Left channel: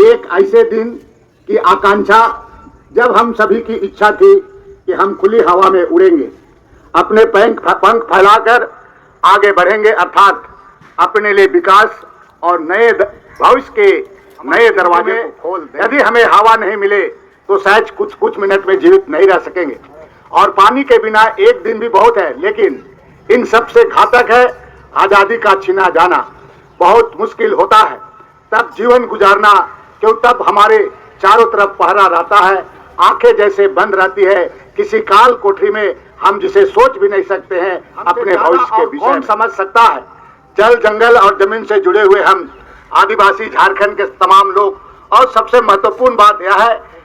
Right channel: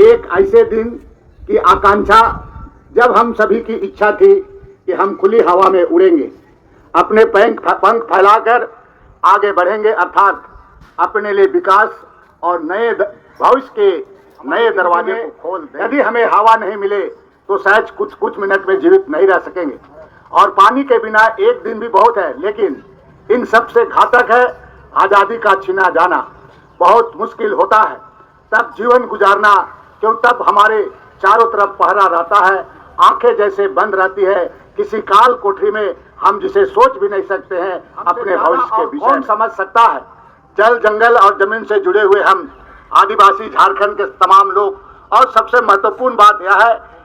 एक ऐसे दिन की आकांक्षा जब हम सभी की इच्छा थी कि हम खुली हवा में उड़ेंगे, अपने पंख फैलाकर आगे बढ़ेंगे, अर्थात अपने लिए विकास और नए भविष्य के नए दरवाजे को खोल दें। यदि हमें हवा नहीं मिले तो शायद कुछ मिनट में जीवित नहीं रह सकेंगे, और पानी के बिना एक दिन भी बहुत है, लेकिन इन सबसे घातक है आजादी का छीना जाना। बहुत मुश्किल होता है तब जीवन गुजारना, क्यों तब हमारे चारों तरफ पहरा रहता है, आंखें जैसे बंद रहती है किसी काल कोठरी में, हम जिसे सोच भी नहीं सकते हैं अपने भविष्य के विषय। कौन समझ सकता है? जल जंगल और जमीन से जुड़े हुए हम आदिवासी झारखंड के तमाम लोग, और सबसे महत्वपूर्ण बात यह है,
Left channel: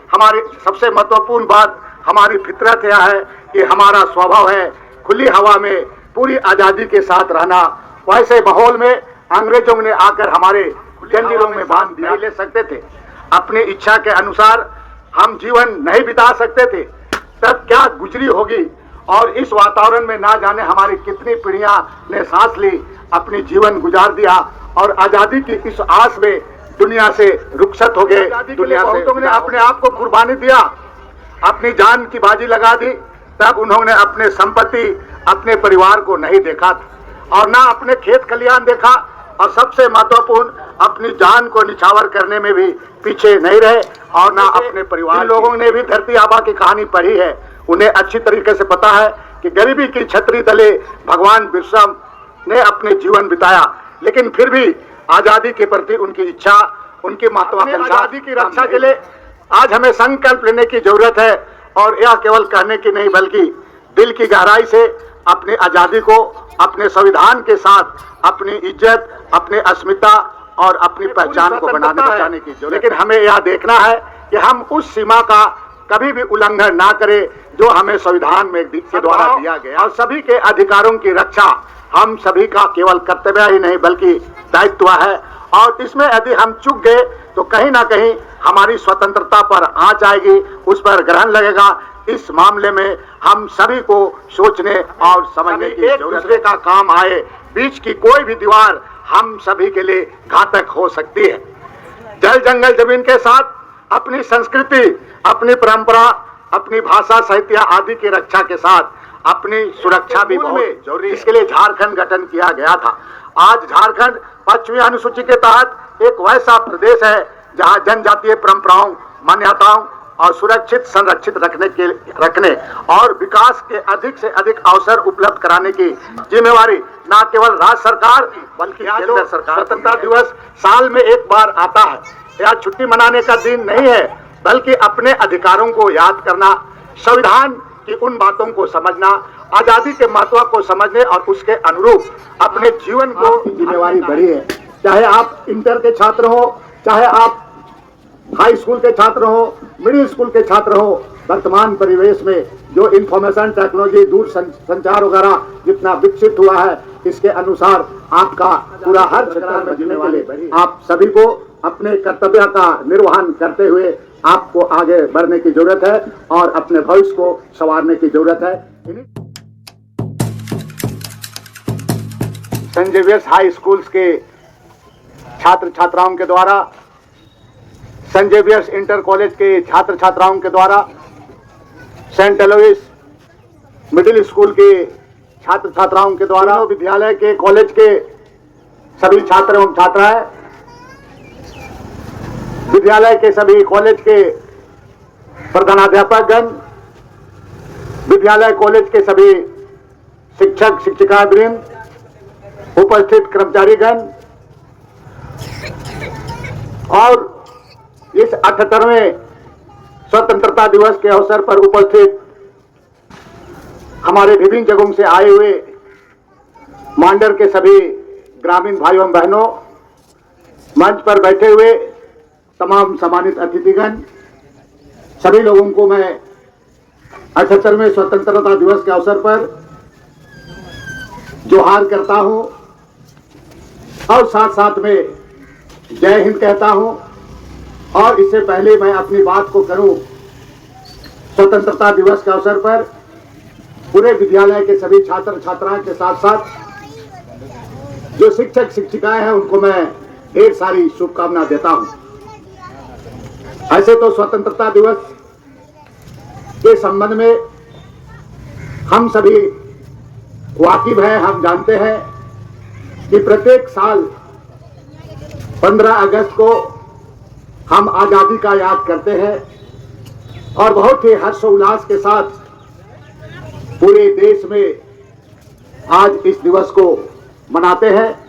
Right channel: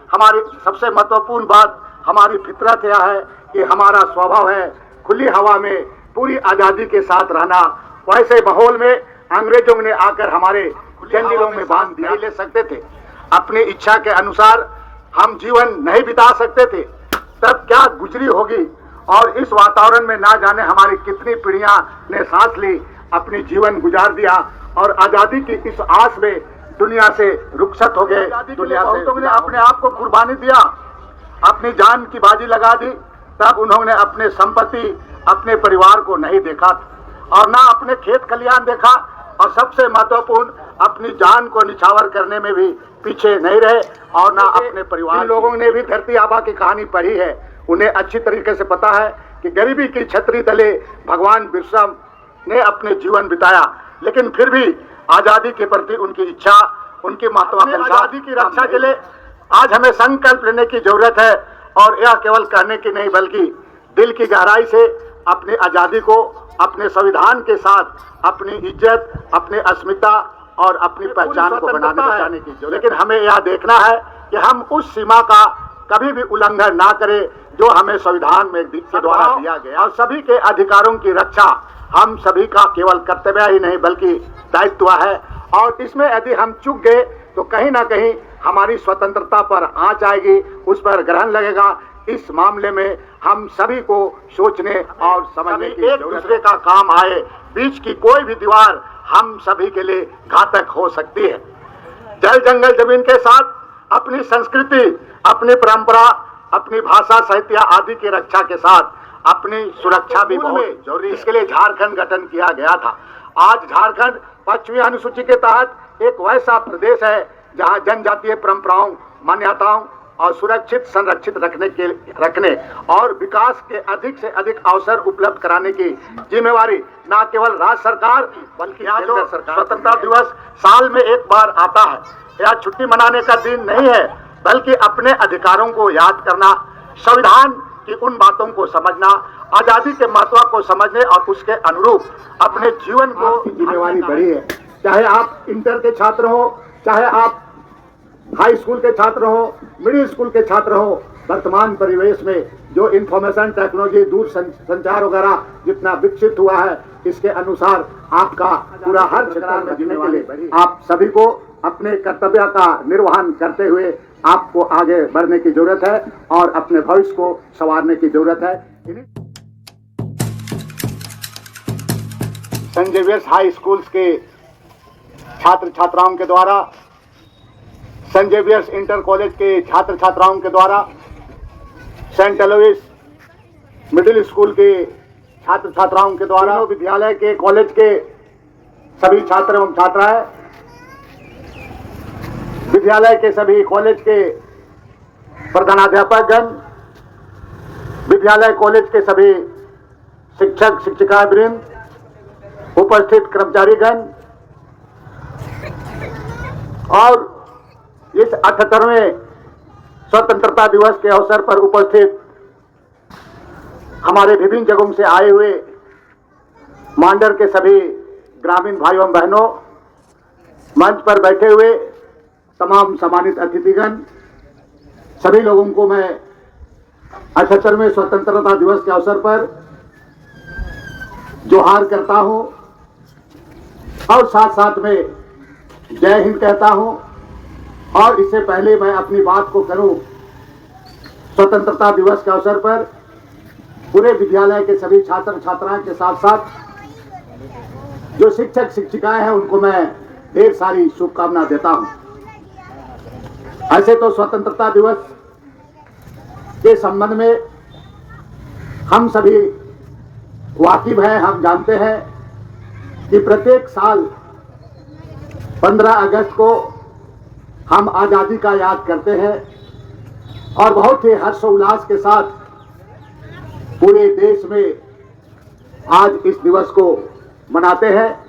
हमारी फितरत यह है कि हमारा स्वभाव है खुली हवा में पूरी आजादी के साथ रहना। वैसे माहौल में अंग्रेजों ने आकर हमारे जंजीरों में बांध नहीं ले सकते थे, अपनी इच्छा के अनुसार हम जीवन नहीं बिता सकते थे, तब क्या गुजरी होगी। और इस वातावरण में ना जाने हमारी कितनी पीढ़ियां ने सांस ली, अपनी जीवन गुजार दिया, और आजादी की इस आस में दुनिया से रुखसत हो गए। दुनिया से तुमने अपने आप को कुर्बानी दिया, अपनी जान की बाजी लगा दी, तब उन्होंने अपने संपत्ति अपने परिवार को नहीं देखा और ना अपने खेत खलियान देखा, और सबसे महत्वपूर्ण अपनी जान को निछावर करने में भी पीछे नहीं रहे, और ना अपने परिवार। इन लोगों ने भी धरती आबा की कहानी पढ़ी है, उन्हें अच्छी तरीके से पता है कि गरीबी की छतरी तले भगवान बिरसा ने अपने जीवन बिताया, लेकिन फिर भी आजादी के प्रति उनकी इच्छा, उनकी महत्वाकांक्षा, आजादी की रक्षा के लिए आज हमें संकल्प लेने की जरूरत है, और यह केवल कहने की नहीं बल्कि दिल की गहराई से अपनी आजादी को अपने संविधान के साथ अपनी इज्जत, अपनी अस्मिता और अपनी पहचान को बनाने की जरूरत। लेकिन हमें यह देखना है कि हम उस सीमा का कभी भी उल्लंघन ना करें जो हमें संविधान में के द्वारा दिया गया, और सभी के अधिकारों की रक्षा हम सभी का केवल कर्तव्य ही नहीं बल्कि दायित्व है। और इसमें यदि हम चूक गए तो कहीं ना कहीं हमारी स्वतंत्रता पर आंच आएगी, उस पर ग्रहण लगेगा। इस मामले में हम सभी को सोचने और समझने की एक दूसरे का काम आए, बीच की कोई भी दीवार हम सभी के लिए घातक हो सकती है। जल जंगल जमीन के साथ अपनी संस्कृति, अपनी परंपरा, अपनी भाषा, साहित्य आदि की रक्षा के साथ अपनी सुरक्षा भी बहुत जरूरी है। इसके लिए झारखंड गठन किया गया था। आज झारखंड पश्चिमी अनुसूची के तहत एक वैसा प्रदेश है जहां जनजातीय परंपराओं, मान्यताओं और सुरक्षित संरक्षित रखने और विकास के अधिक से अधिक अवसर उपलब्ध कराने की जिम्मेवारी न केवल राज्य सरकार बल्कि केंद्र सरकार। स्वतंत्रता दिवस साल में एक बार आता है, यह छुट्टी मनाने का दिन नहीं है बल्कि अपने अधिकारों को याद करना, संविधान की उन बातों को समझना, आजादी के महत्व को समझने और उसके अनुरूप अपने जीवन को जिम्मेवारी बड़ी है। चाहे आप इंटर के छात्र हो, चाहे आप हाई स्कूल के छात्र हो, मिडिल स्कूल के छात्र हो, वर्तमान परिवेश में जो इंफॉर्मेशन टेक्नोलॉजी, दूर संचार वगैरह जितना विकसित हुआ है, इसके अनुसार आपका पूरा हर क्षेत्र में जीने के लिए आप सभी को अपने कर्तव्य का निर्वहन करते हुए आपको आगे बढ़ने की जरूरत है और अपने भविष्य को संवारने की जरूरत है। सेंट जेवियर्स हाई स्कूल्स के छात्र छात्राओं के द्वारा, सेंट जेवियर्स इंटर कॉलेज के छात्र छात्राओं के द्वारा, सेंट एलोइस मिडिल स्कूल के छात्र छात्राओं के द्वारा, विद्यालय के कॉलेज के सभी छात्र एवं छात्राएं, विद्यालय के सभी कॉलेज के प्रधानाध्यापकगण, विद्यालय कॉलेज के सभी शिक्षक शिक्षिकावृंद, उपस्थित कर्मचारीगण और इस 78वें स्वतंत्रता दिवस के अवसर पर उपस्थित हमारे विभिन्न जगहों से आए हुए मांडर के सभी ग्रामीण भाइयों बहनों, मंच पर बैठे हुए तमाम सम्मानित अतिथिगण, सभी लोगों को मैं 78वें स्वतंत्रता दिवस के अवसर पर जोहार करता हूं और साथ साथ में जय हिंद कहता हूं। और इससे पहले मैं अपनी बात को करूं, स्वतंत्रता दिवस के अवसर पर पूरे विद्यालय के सभी छात्र छात्राएं के साथ साथ जो शिक्षक शिक्षिकाएं हैं उनको मैं ढेर सारी शुभकामना देता हूं। ऐसे तो स्वतंत्रता दिवस के संबंध में हम सभी वाकिफ हैं, हम जानते हैं कि प्रत्येक साल 15 अगस्त को हम आज़ादी का याद करते हैं और बहुत ही हर्षोल्लास के साथ पूरे देश में आज इस दिवस को मनाते हैं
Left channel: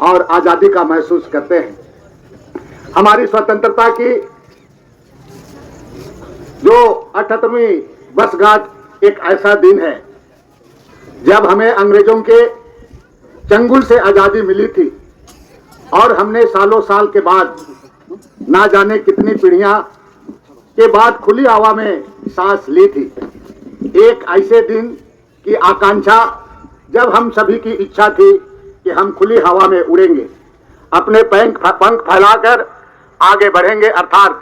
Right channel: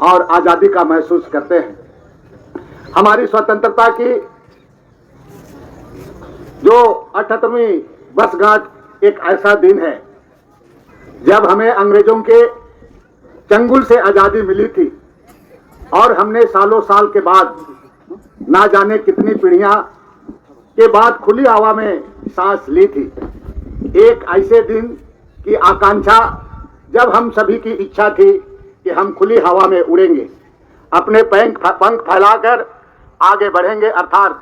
और आज़ादी का महसूस करते हैं। हमारी स्वतंत्रता की जो 78वीं वर्षगांठ एक ऐसा दिन है जब हमें अंग्रेजों के चंगुल से आज़ादी मिली थी और हमने सालों साल के बाद ना जाने कितनी पीढ़ियां के बाद खुली हवा में सांस ली थी। एक ऐसे दिन की आकांक्षा जब हम सभी की इच्छा थी कि हम खुली हवा में उड़ेंगे, अपने पंख फैलाकर आगे बढ़ेंगे, अर्थात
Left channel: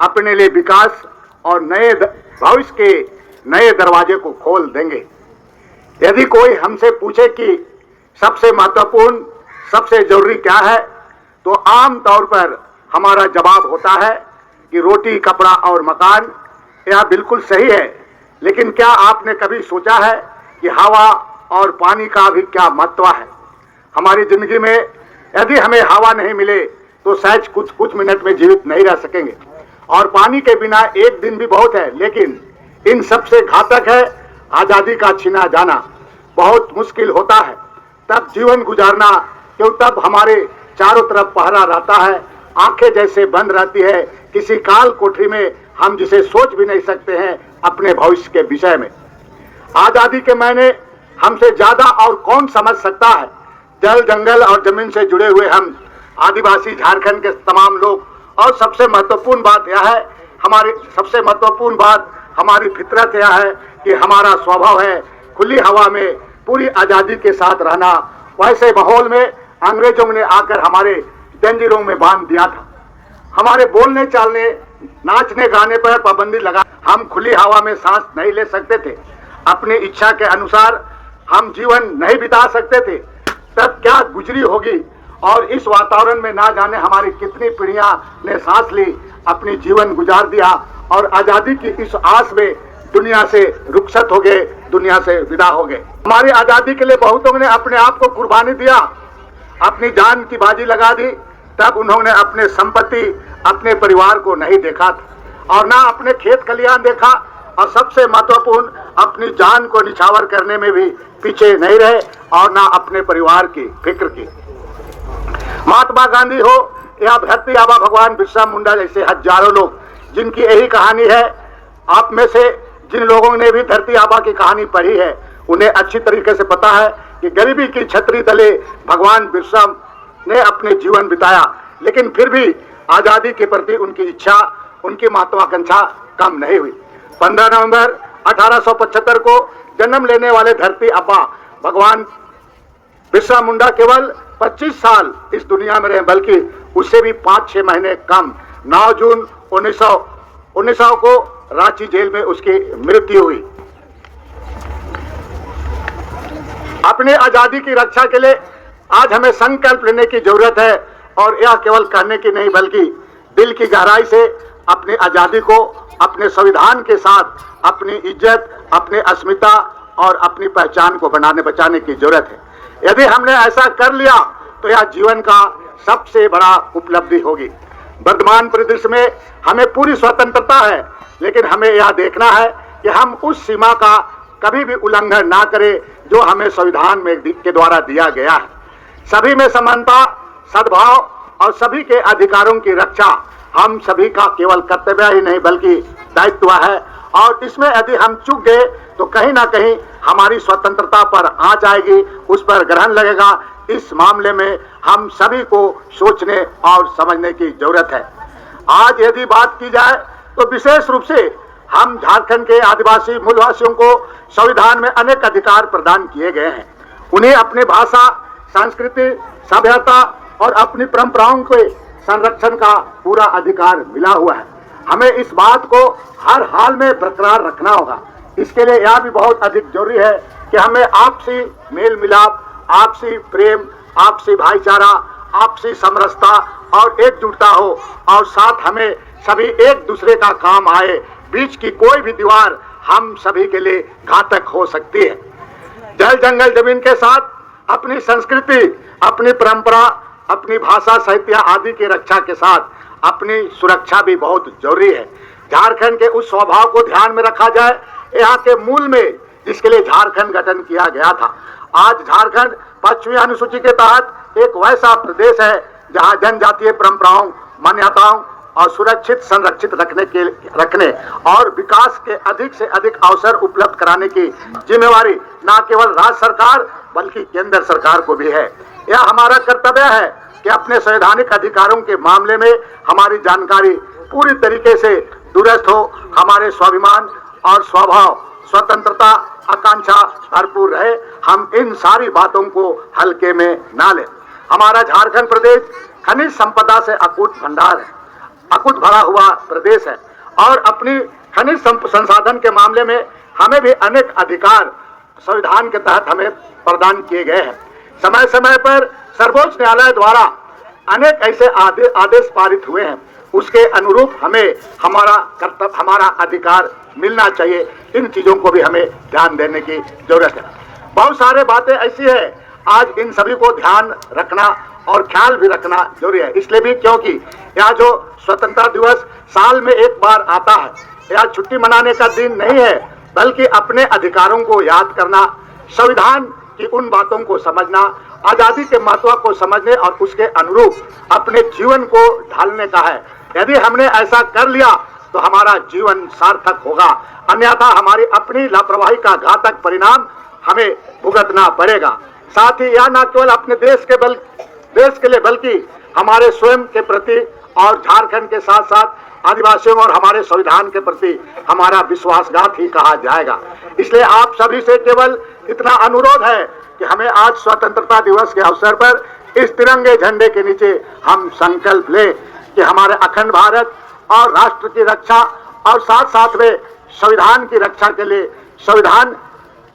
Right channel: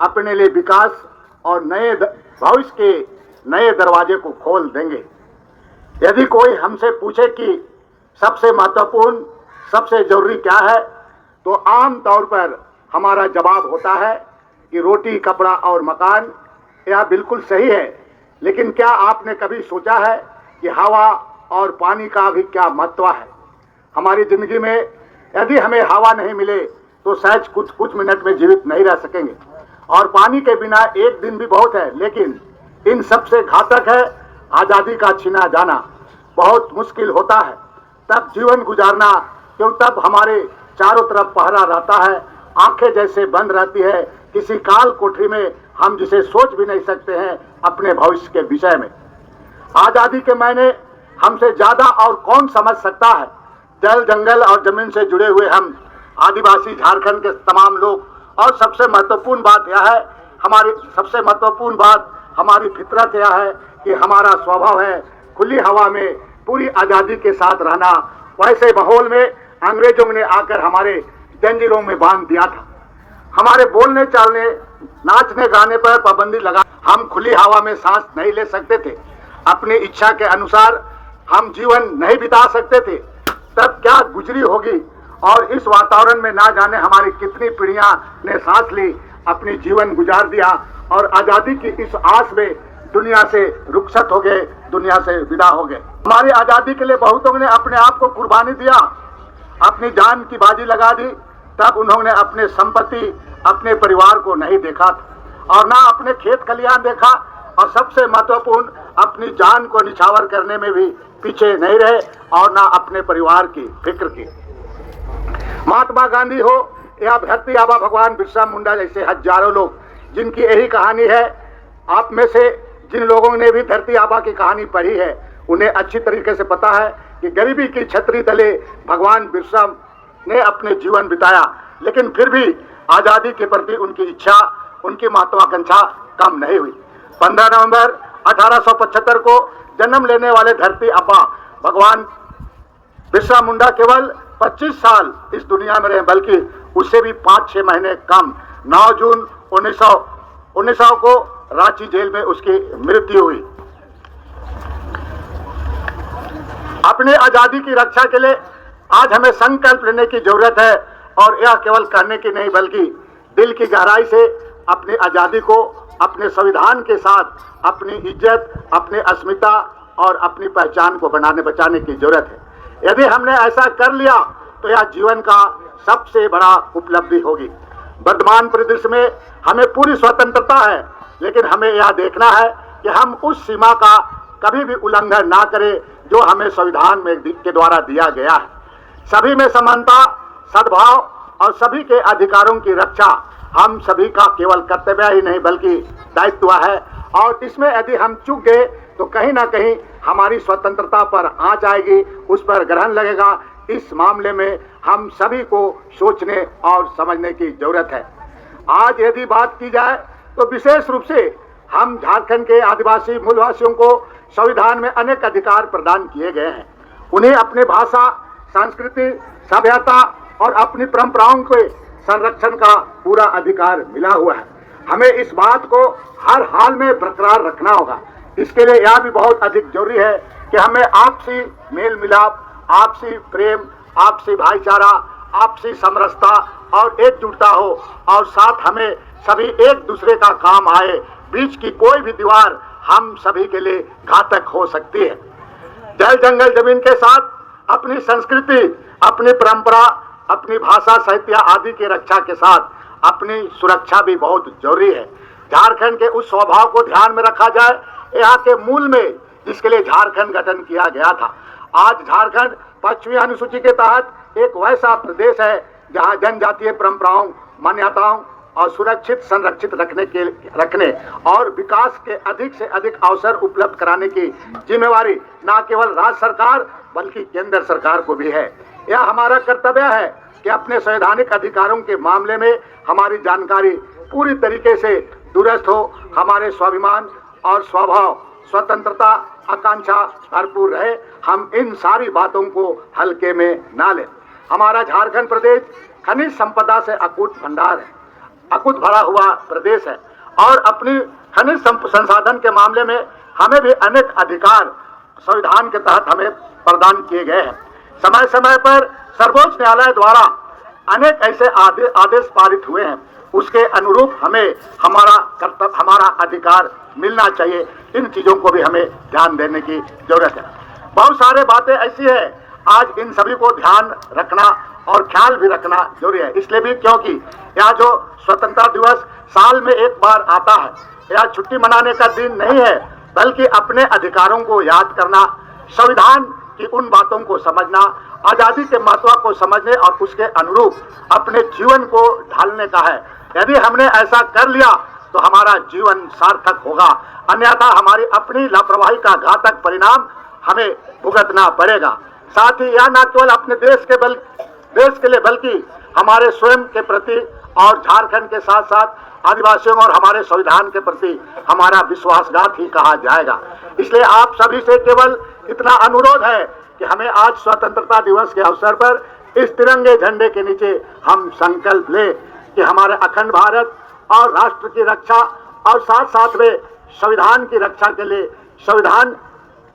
अपने लिए विकास और नए भविष्य के नए दरवाजे को खोल देंगे। यदि कोई हमसे पूछे कि सबसे महत्वपूर्ण, सबसे जरूरी क्या है, तो आम तौर पर हमारा जवाब होता है कि रोटी, कपड़ा और मकान। यह बिल्कुल सही है, लेकिन क्या आपने कभी सोचा है कि हवा और पानी का भी क्या महत्व है हमारी जिंदगी में? यदि हमें हवा नहीं मिले तो शायद कुछ मिनट में जीवित नहीं रह सकेंगे, और पानी के बिना एक दिन भी बहुत है। लेकिन इन सबसे घातक है आजादी का छीना जाना। बहुत मुश्किल होता है तब जीवन गुजारना, क्यों तब हमारे चारों तरफ पहरा रहता है, आंखें जैसे बंद रहती है किसी काल कोठरी में, हम जिसे सोच भी नहीं सकते हैं अपने भविष्य के विषय में। आजादी के मायने हमसे ज्यादा और कौन समझ सकता है? जल, जंगल और जमीन से जुड़े हुए हम आदिवासी झारखंड के तमाम लोग। और सबसे महत्वपूर्ण बात यह है, हमारी फितरत यह है कि हमारा स्वभाव है खुली हवा में पूरी आजादी के साथ रहना। वैसे माहौल में अंग्रेजों ने आकर हमारे जंजीरों में बांध दिया था। हमारे बोलने, चालने, नाचने, गाने पर पाबंदी लगा। हम खुली हवा में सांस नहीं ले सकते थे, अपनी इच्छा के अनुसार हम जीवन नहीं बिता सकते थे। तब क्या गुजरी होगी, और इस वातावरण में ना जाने हमारी कितनी पीढ़ियां ने सांस ली, अपनी जीवन गुजार दिया और आजादी की इस आस में दुनिया से रुखसत हो गए, दुनिया से विदा हो गए। हमारी आजादी के लिए बहुतों ने अपने आप को कुर्बानी दिया, अपनी जान की बाजी लगा दी। तब उन्होंने अपने संपत्ति, अपने परिवार को नहीं देखा था और ना अपने खेत खलियान देखा, और सबसे महत्वपूर्ण अपनी जान को निछावर करने में भी पीछे नहीं रहे और ना अपने परिवार की फिक्र की। महात्मा गांधी हो या धरती आबा भगवान बिरसा मुंडा जैसे हजारों लोग जिनकी यही कहानी है। आप में से जिन लोगों ने भी धरती आबा की कहानी पढ़ी है उन्हें अच्छी तरीके से पता है कि गरीबी की छतरी तले भगवान बिरसा ने अपने जीवन बिताया, लेकिन फिर भी आजादी के प्रति उनकी इच्छा, उनकी महत्वाकांक्षा कम नहीं हुई। 15 नवंबर 1875 को जन्म लेने वाले धरती आबा भगवान बिरसा मुंडा केवल 25 साल इस दुनिया में रहे, बल्कि उससे भी 5-6 महीने कम। 9 जून 1900 को रांची जेल में उसकी मृत्यु हुई। अपने आजादी की रक्षा के लिए आज हमें संकल्प लेने की जरूरत है, और यह केवल कहने की नहीं बल्कि दिल की गहराई से अपनी आजादी को अपने संविधान के साथ अपनी इज्जत, अपनी अस्मिता और अपनी पहचान को बनाने बचाने की जरूरत है। यदि हमने ऐसा कर लिया तो यह जीवन का सबसे बड़ा उपलब्धि होगी। वर्तमान परिदृश्य में हमें पूरी स्वतंत्रता है, लेकिन हमें यह देखना है कि हम उस सीमा का कभी भी उल्लंघन ना करें जो हमें संविधान में के द्वारा दिया गया है। सभी में समानता, सद्भाव और सभी के अधिकारों की रक्षा हम सभी का केवल कर्तव्य ही नहीं बल्कि दायित्व है, और इसमें यदि हम चूक गए तो कहीं ना कहीं हमारी स्वतंत्रता पर आंच आएगी, उस पर ग्रहण लगेगा। इस मामले में हम सभी को सोचने और समझने की जरूरत है। आज यदि बात की जाए तो विशेष रूप से हम झारखंड के आदिवासी मूलवासियों को संविधान में अनेक अधिकार प्रदान किए गए हैं। उन्हें अपनी भाषा, संस्कृति, सभ्यता और अपनी परंपराओं के संरक्षण का पूरा अधिकार मिला हुआ है। हमें इस बात को हर हाल में बरकरार रखना होगा। इसके लिए यह भी बहुत अधिक जरूरी है कि हमें आपसी मेल मिलाप, आपसी प्रेम, आपसी भाईचारा, आपसी समरसता और एकजुटता हो, और साथ हमें सभी एक दूसरे का काम आए, बीच की कोई भी दीवार हम सभी के लिए घातक हो सकती है। जल जंगल जमीन के साथ अपनी संस्कृति, अपनी परंपरा, अपनी भाषा, साहित्य आदि की रक्षा के साथ अपनी सुरक्षा भी बहुत जरूरी है। झारखंड के उस स्वभाव को ध्यान में रखा जाए, यहाँ के मूल में जिसके लिए झारखंड गठन किया गया था। आज झारखंड पश्चिमी अनुसूची के तहत एक वैसा प्रदेश है जहाँ जनजातीय परंपराओं, मान्यताओं और सुरक्षित संरक्षित रखने और विकास के अधिक से अधिक अवसर उपलब्ध कराने की जिम्मेवारी न केवल राज्य सरकार बल्कि केंद्र सरकार को भी है। यह हमारा कर्तव्य है कि अपने संवैधानिक अधिकारों के मामले में हमारी जानकारी पूरी तरीके से दुरुस्त हो, हमारे स्वाभिमान और स्वभाव, स्वतंत्रता, आकांक्षा भरपूर रहे। हम इन सारी बातों को हल्के में ना लें। हमारा झारखंड प्रदेश खनिज संपदा से अकूट भंडार है, अकूट भरा हुआ प्रदेश है और अपनी खनिज संसाधन के मामले में हमें भी अनेक अधिकार संविधान के तहत हमें प्रदान किए गए हैं। समय समय पर सर्वोच्च न्यायालय द्वारा अनेक ऐसे आदेश पारित हुए हैं, उसके अनुरूप हमें हमारा कर्तव्य, हमारा अधिकार मिलना चाहिए। इन चीजों को भी हमें ध्यान देने की जरूरत है। बहुत सारे बातें ऐसी है, आज इन सभी को ध्यान रखना और ख्याल भी रखना जरूरी है। इसलिए भी क्योंकि यह जो स्वतंत्रता दिवस साल में एक बार आता है, यह छुट्टी मनाने का दिन नहीं है, बल्कि अपने अधिकारों को याद करना, संविधान की उन बातों को समझना, आजादी के महत्व को समझने और उसके अनुरूप अपने जीवन को ढालने का है। यदि हमने ऐसा कर लिया तो हमारा जीवन सार्थक होगा, अन्यथा हमारी अपनी लापरवाही का घातक परिणाम हमें भुगतना पड़ेगा। साथ ही यह न केवल अपने देश के लिए बल्कि हमारे स्वयं के प्रति और झारखंड के साथ साथ आदिवासियों और हमारे संविधान के प्रति हमारा विश्वासघात ही कहा जाएगा। इसलिए आप सभी से केवल इतना अनुरोध है कि हमें आज स्वतंत्रता दिवस के अवसर पर इस तिरंगे झंडे के नीचे हम संकल्प लें कि हमारे अखंड भारत और राष्ट्र की रक्षा और साथ साथ में संविधान की रक्षा के लिए, संविधान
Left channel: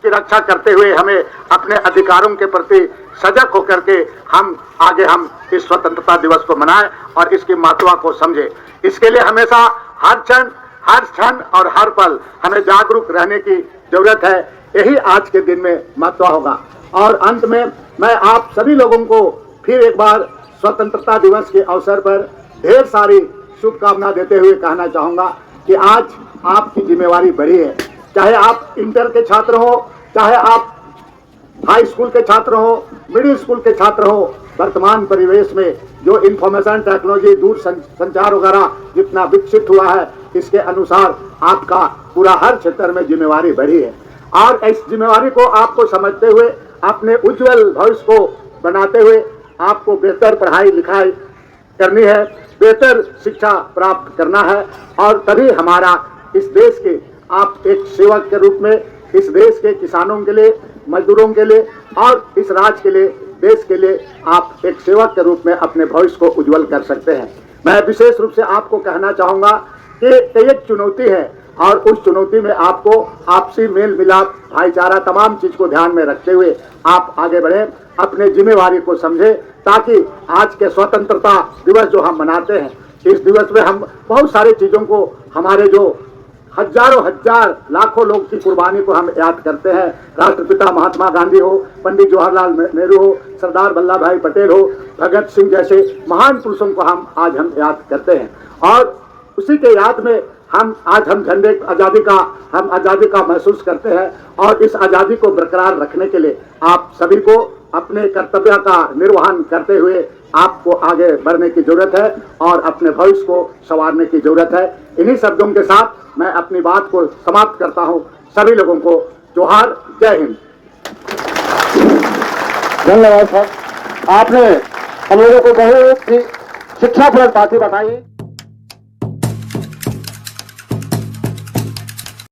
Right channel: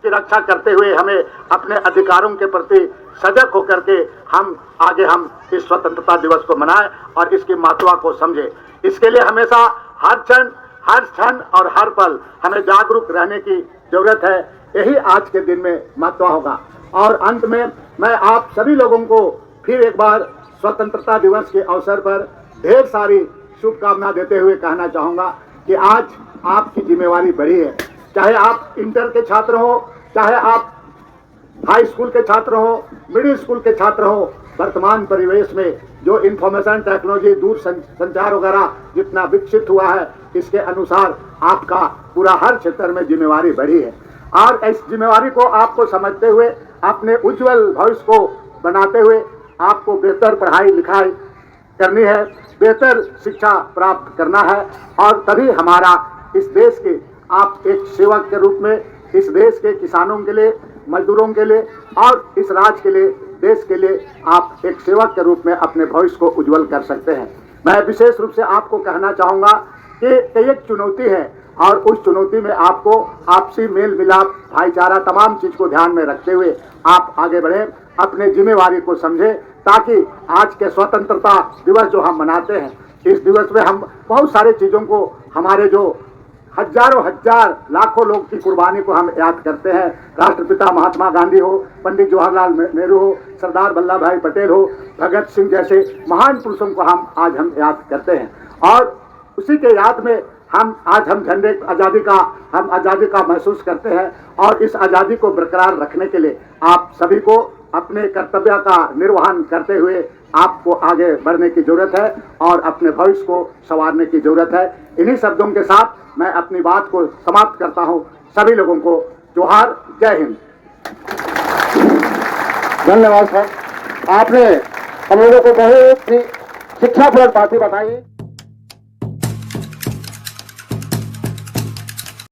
की रक्षा करते हुए हमें अपने अधिकारों के प्रति सजग होकर के हम इस स्वतंत्रता दिवस को मनाएं और इसकी महत्व को समझें। इसके लिए हमेशा हर क्षण और हर पल हमें जागरूक रहने की जरूरत है। यही आज के दिन में महत्व होगा। और अंत में मैं आप सभी लोगों को फिर एक बार स्वतंत्रता दिवस के अवसर पर ढेर सारी शुभकामना देते हुए कहना चाहूंगा कि आज आपकी जिम्मेवारी बड़ी है। चाहे आप इंटर के छात्र हो, चाहे आप हाई स्कूल के छात्र हो, मिडिल स्कूल के छात्र हो, वर्तमान परिवेश में जो इंफॉर्मेशन टेक्नोलॉजी, दूर संचार वगैरह जितना विकसित हुआ है, इसके अनुसार आपका पूरा हर क्षेत्र में जिम्मेवारी बढ़ी है। और इस जिम्मेवारी को आपको समझते हुए, अपने उज्जवल भविष्य को बनाते हुए आपको बेहतर पढ़ाई लिखाई करनी है, बेहतर शिक्षा प्राप्त करना है और तभी हमारा इस देश के आप एक सेवक के रूप में इस देश के किसानों के लिए, मजदूरों के लिए और इस राज्य के लिए, देश के लिए आप एक सेवक के रूप में अपने भविष्य को उज्जवल कर सकते हैं। मैं विशेष रूप से आपको कहना चाहूंगा कि एक चुनौती है और उस चुनौती में आपको आपसी मेल मिलाप, भाईचारा, तमाम चीज को ध्यान में रखते हुए आप आगे बढ़े, अपने जिम्मेवारी को समझे, ताकि आज के स्वतंत्रता दिवस जो हम मनाते हैं, इस दिवस में हम बहुत सारी चीजों को, हमारे जो हजारों हजार लाखों लोग की कुर्बानी को हम याद करते हैं। राष्ट्रपिता महात्मा गांधी हो, पंडित जवाहरलाल नेहरू हो, सरदार वल्लभ भाई पटेल हो, भगत सिंह जैसे महान पुरुषों को हम याद करते हैं और उसी के याद में हम झंडे आजादी का महसूस करते हैं। और इस आजादी को बरकरार रखने के लिए आप सभी को अपने कर्तव्य का निर्वहन करते हुए आपको आगे बढ़ने की जरूरत है और अपने भविष्य को संवारने की जरूरत है। इन्हीं शब्दों के साथ मैं अपनी बात को समाप्त करता हूं। सभी लोगों को जोहार, जय हिंद। धन्यवाद सर, आपने हम लोगों को बहुत शिक्षाप्रद बातें बताई।